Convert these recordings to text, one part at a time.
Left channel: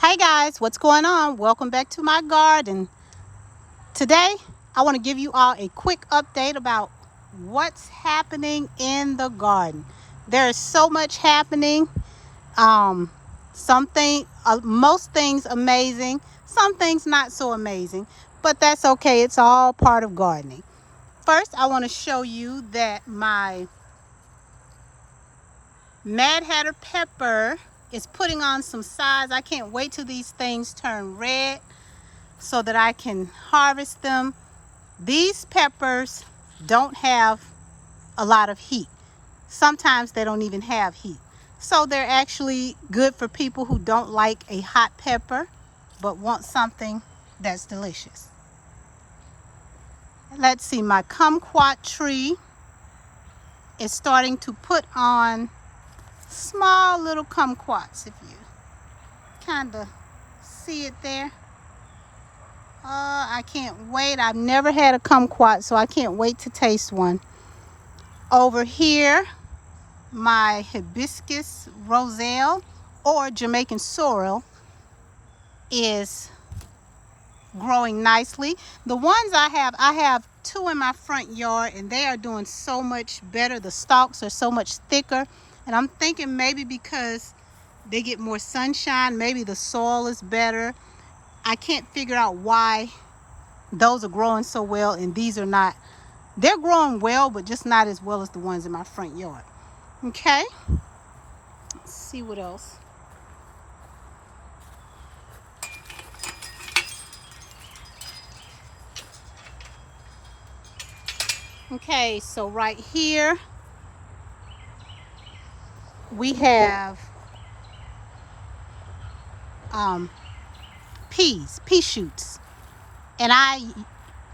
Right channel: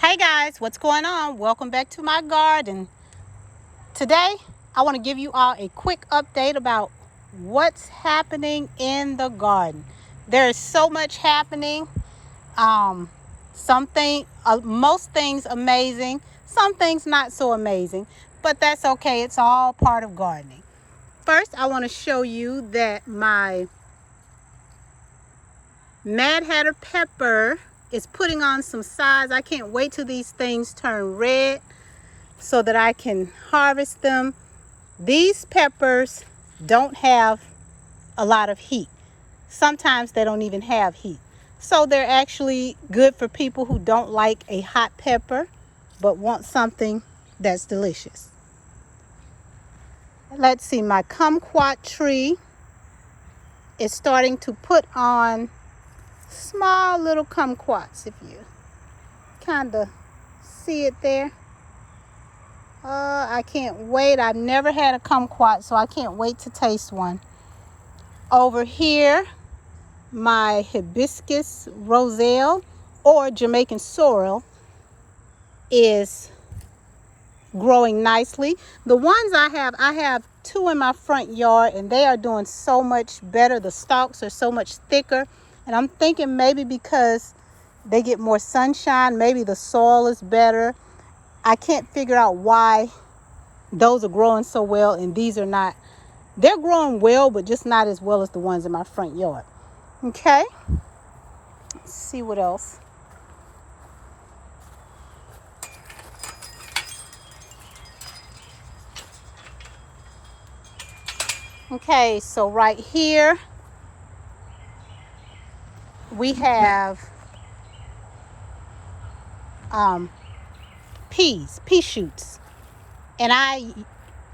Hey guys, what's going on? Welcome back to my garden. Today, I want to give you all a quick update about what's happening in the garden. There is so much happening. Most things amazing, some things not so amazing, but that's okay. It's all part of gardening. First, I want to show you that my Mad Hatter pepper is putting on some size. I can't wait till these things turn red so that I can harvest them. These peppers don't have a lot of heat. Sometimes they don't even have heat. So they're actually good for people who don't like a hot pepper but want something that's delicious. Let's see, my kumquat tree is starting to put on small little kumquats, if you kind of see it there. I can't wait. I've never had a kumquat, so I can't wait to taste one. Over here, my hibiscus roselle or Jamaican sorrel is growing nicely. The ones I have two in my front yard, and they are doing so much better. The stalks are so much thicker, and I'm thinking maybe because they get more sunshine, maybe the soil is better. I can't figure out why those are growing so well and these are not. They're growing well, but just not as well as the ones in my front yard. Okay, let's see what else. Okay, so right here we have pea shoots, and I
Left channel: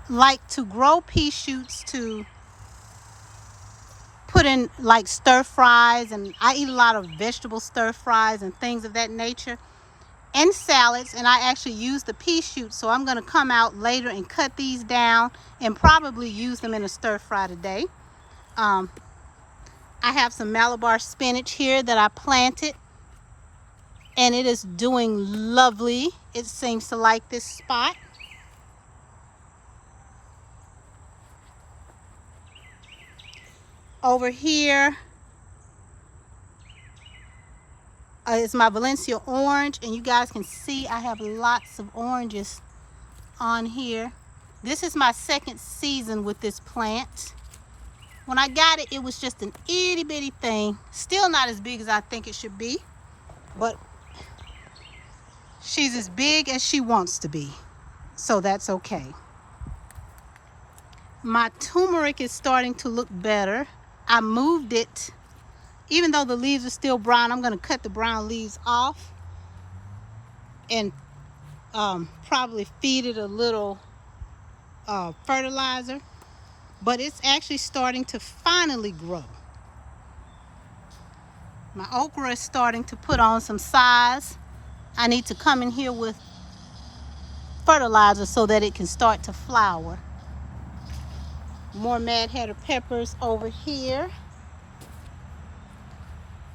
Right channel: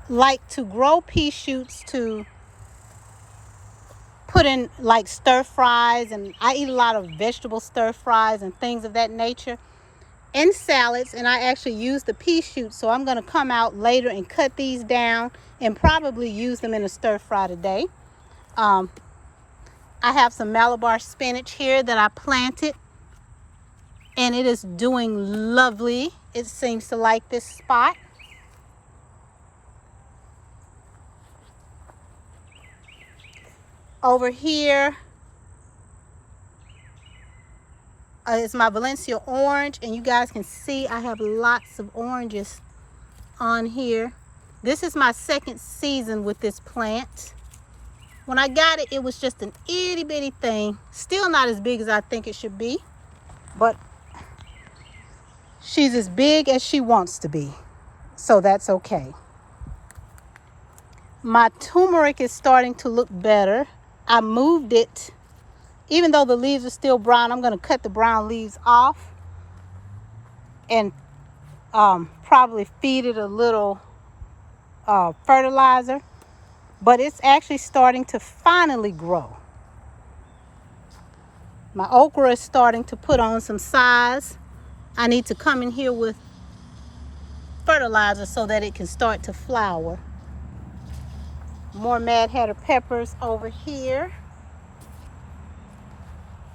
like to grow pea shoots to put in like stir fries, and I eat a lot of vegetable stir fries and things of that nature, and salads. And I actually use the pea shoots, so I'm going to come out later and cut these down and probably use them in a stir fry today. I have some Malabar spinach here that I planted, and it is doing lovely. It seems to like this spot. Over here is my Valencia orange, and you guys can see I have lots of oranges on here. This is my second season with this plant. When I got it, it was just an itty bitty thing. Still not as big as I think it should be, but she's as big as she wants to be, so that's okay. My turmeric is starting to look better. I moved it. Even though the leaves are still brown, I'm going to cut the brown leaves off and probably feed it a little fertilizer. But it's actually starting to finally grow. My okra is starting to put on some size. I need to come in here with fertilizer so that it can start to flower. More Mad Hatter peppers over here.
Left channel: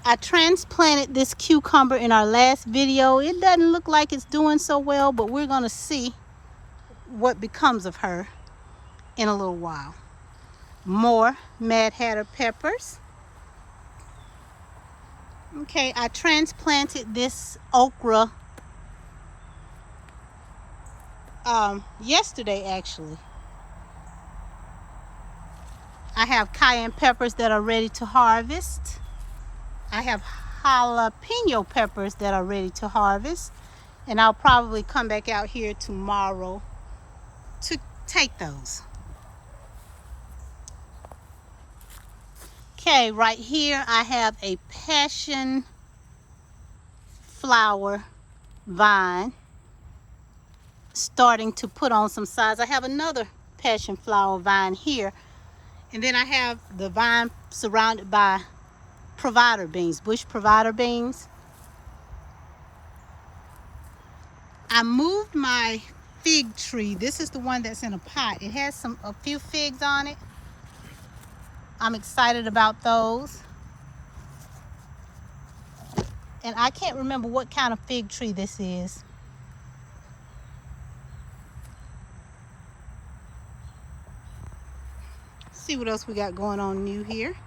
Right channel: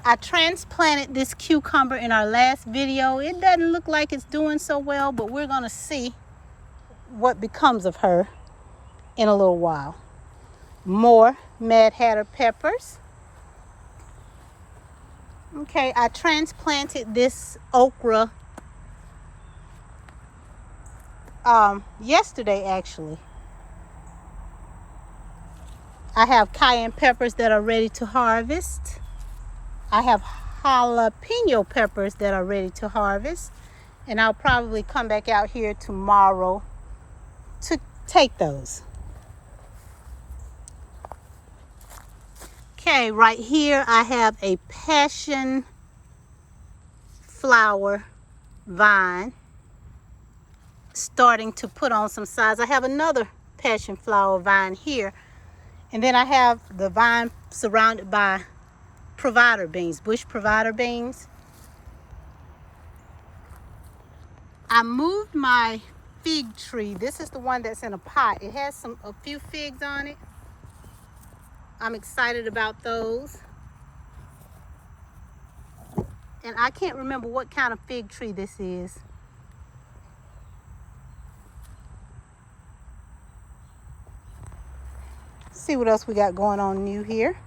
I transplanted this cucumber in our last video. It doesn't look like it's doing so well, but we're going to see what becomes of her in a little while. More Mad Hatter peppers. Okay, I transplanted this okra yesterday actually. I have cayenne peppers that are ready to harvest. I have jalapeno peppers that are ready to harvest, and I'll probably come back out here tomorrow to take those. Okay, right here I have a passion flower vine starting to put on some size. I have another passion flower vine here, and then I have the vine surrounded by provider beans, bush provider beans. I moved my fig tree. This is the one that's in a pot. It has a few figs on it. I'm excited about those. And I can't remember what kind of fig tree this is. See what else we got going on new here.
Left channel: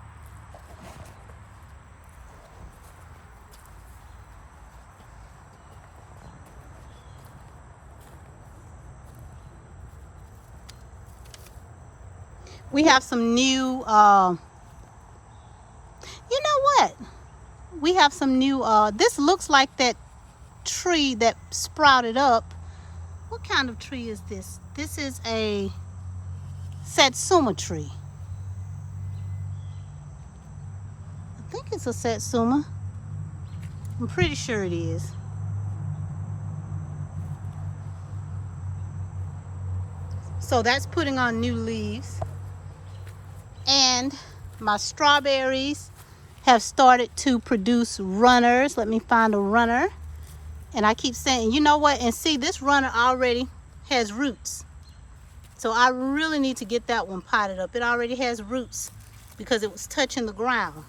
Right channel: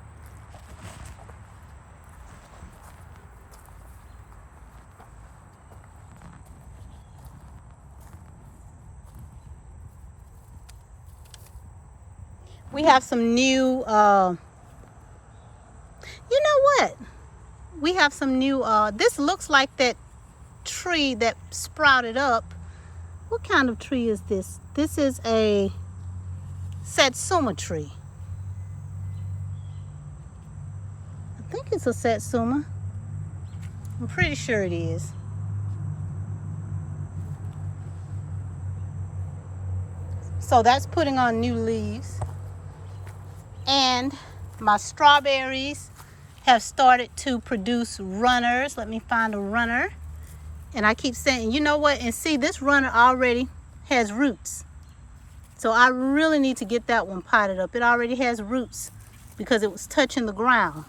We have some new, you know what? We have some new, this looks like that tree that sprouted up. What kind of tree is this? This is a satsuma tree. I think it's a satsuma. I'm pretty sure it is. So that's putting on new leaves. And my strawberries have started to produce runners. Let me find a runner. And I keep saying, you know what? And see, this runner already has roots. So I really need to get that one potted up. It already has roots because it was touching the ground.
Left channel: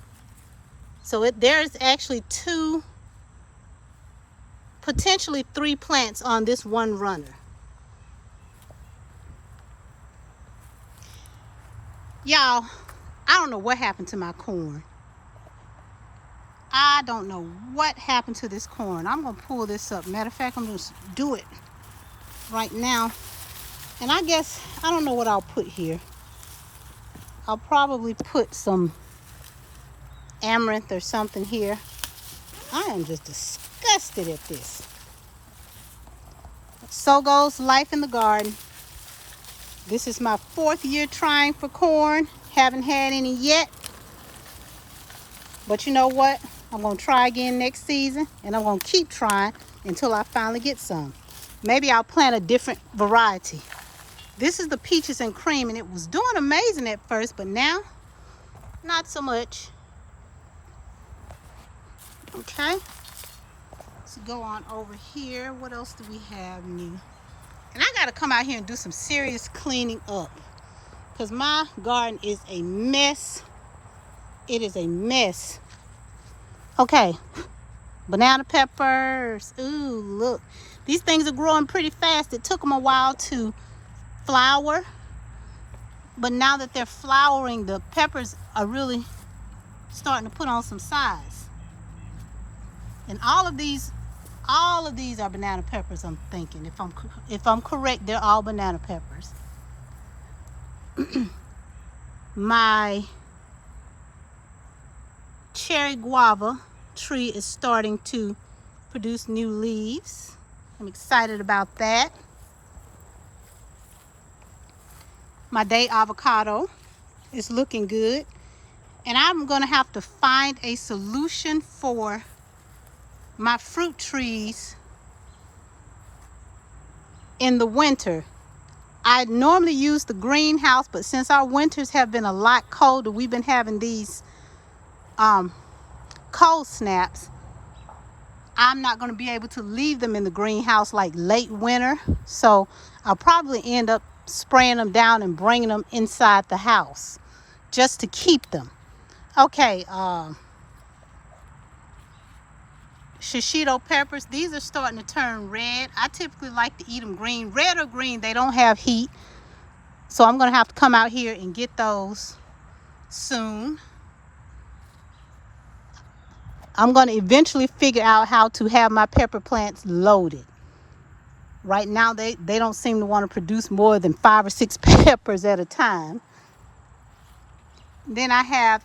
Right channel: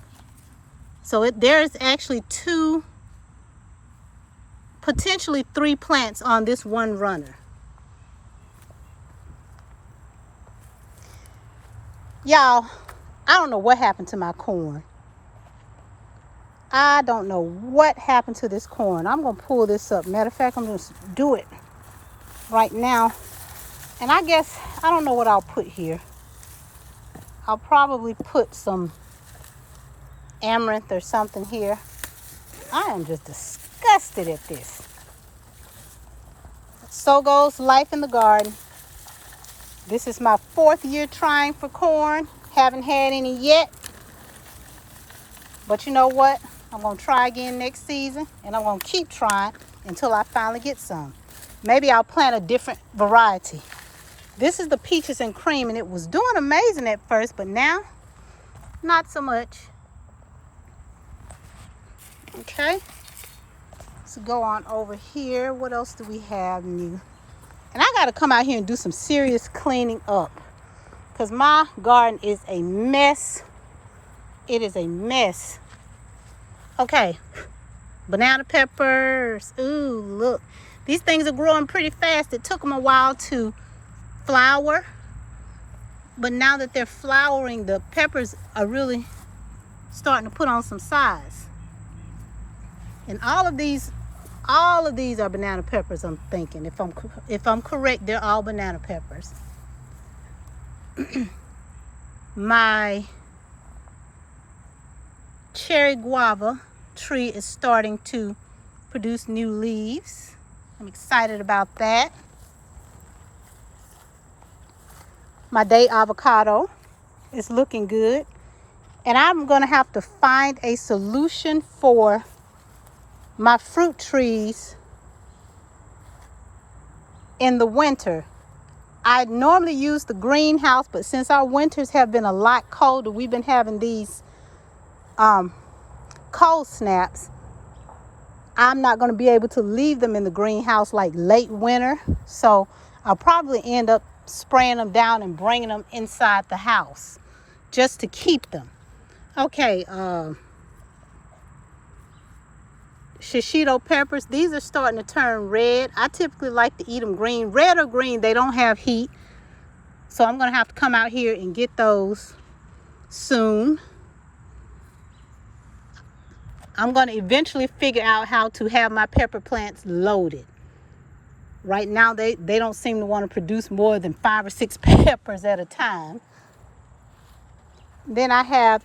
So there's actually two, potentially 3 plants on this one runner. Y'all, I don't know what happened to my corn. I don't know what happened to this corn. I'm going to pull this up. Matter of fact, I'm going to do it right now. And I guess, I don't know what I'll put here. I'll probably put some amaranth or something here. I am just disgusted at this. So goes life in the garden. This is my 4th year trying for corn. Haven't had any yet. But you know what? I'm going to try again next season. And I'm going to keep trying until I finally get some. Maybe I'll plant a different variety. This is the peaches and cream. And it was doing amazing at first. But now, not so much. Okay. So go on over here. What else do we have new? And I got to come out here and do some serious cleaning up. Because my garden is a mess. It is a mess. Okay. Banana peppers. Ooh, look. These things are growing pretty fast. It took them a while to flower. But now that they're flowering, the peppers are really starting to put on some size. And all of these are banana peppers, I'm thinking. If I'm correct, they're all banana peppers. My cherry guava tree is starting to produce new leaves. I'm excited about that. My day avocado is looking good. And I'm going to have to find a solution for my fruit trees in the winter. I normally use the greenhouse, but since our winters have been a lot colder, we've been having these cold snaps. I'm not going to be able to leave them in the greenhouse like late winter. So I'll probably end up spraying them down and bringing them inside the house just to keep them. Okay, shishito peppers, these are starting to turn red. I typically like to eat them green. Red or green, they don't have heat. So I'm going to have to come out here and get those soon. I'm going to eventually figure out how to have my pepper plants loaded. Right now, they don't seem to want to produce more than 5 or 6 peppers at a time. Then I have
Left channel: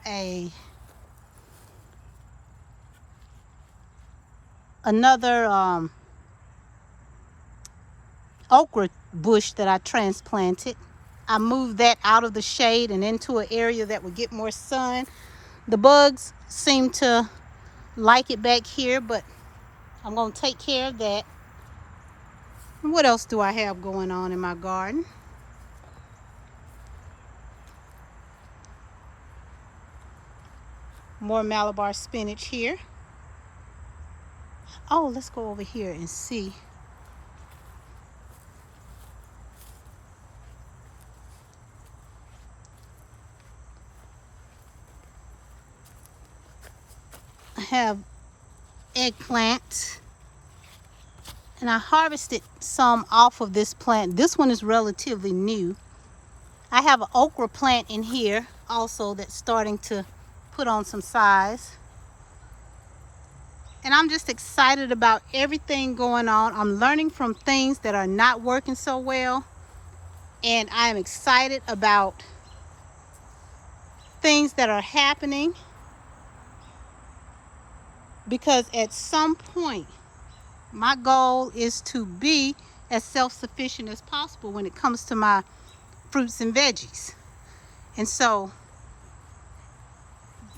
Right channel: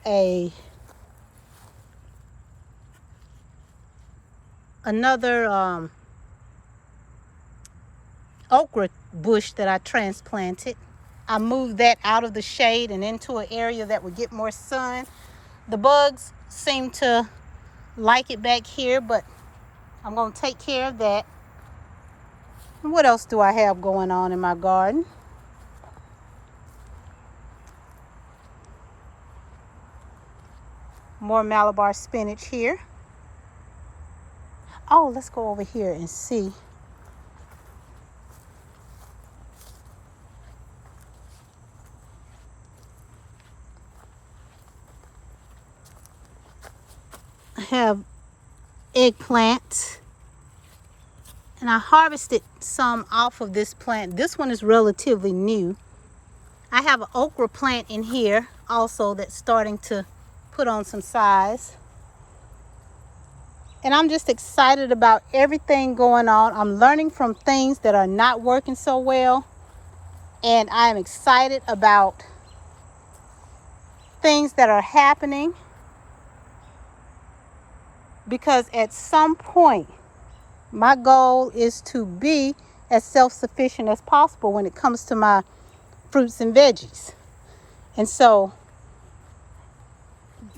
another okra bush that I transplanted. I moved that out of the shade and into an area that would get more sun. The bugs seem to like it back here, but I'm going to take care of that. What else do I have going on in my garden? More Malabar spinach here. Oh, let's go over here and see. I have eggplant. And I harvested some off of this plant. This one is relatively new. I have an okra plant in here also that's starting to put on some size. And I'm just excited about everything going on. I'm learning from things that are not working so well. And I'm excited about things that are happening, because at some point, my goal is to be as self-sufficient as possible when it comes to my fruits and veggies. And so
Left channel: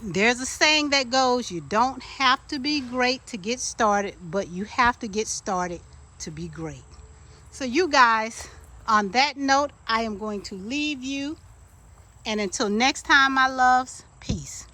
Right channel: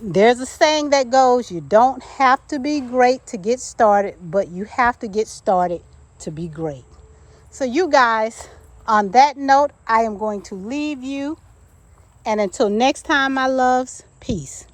there's a saying that goes, you don't have to be great to get started, but you have to get started to be great. So you guys, on that note, I am going to leave you. And until next time, my loves, peace.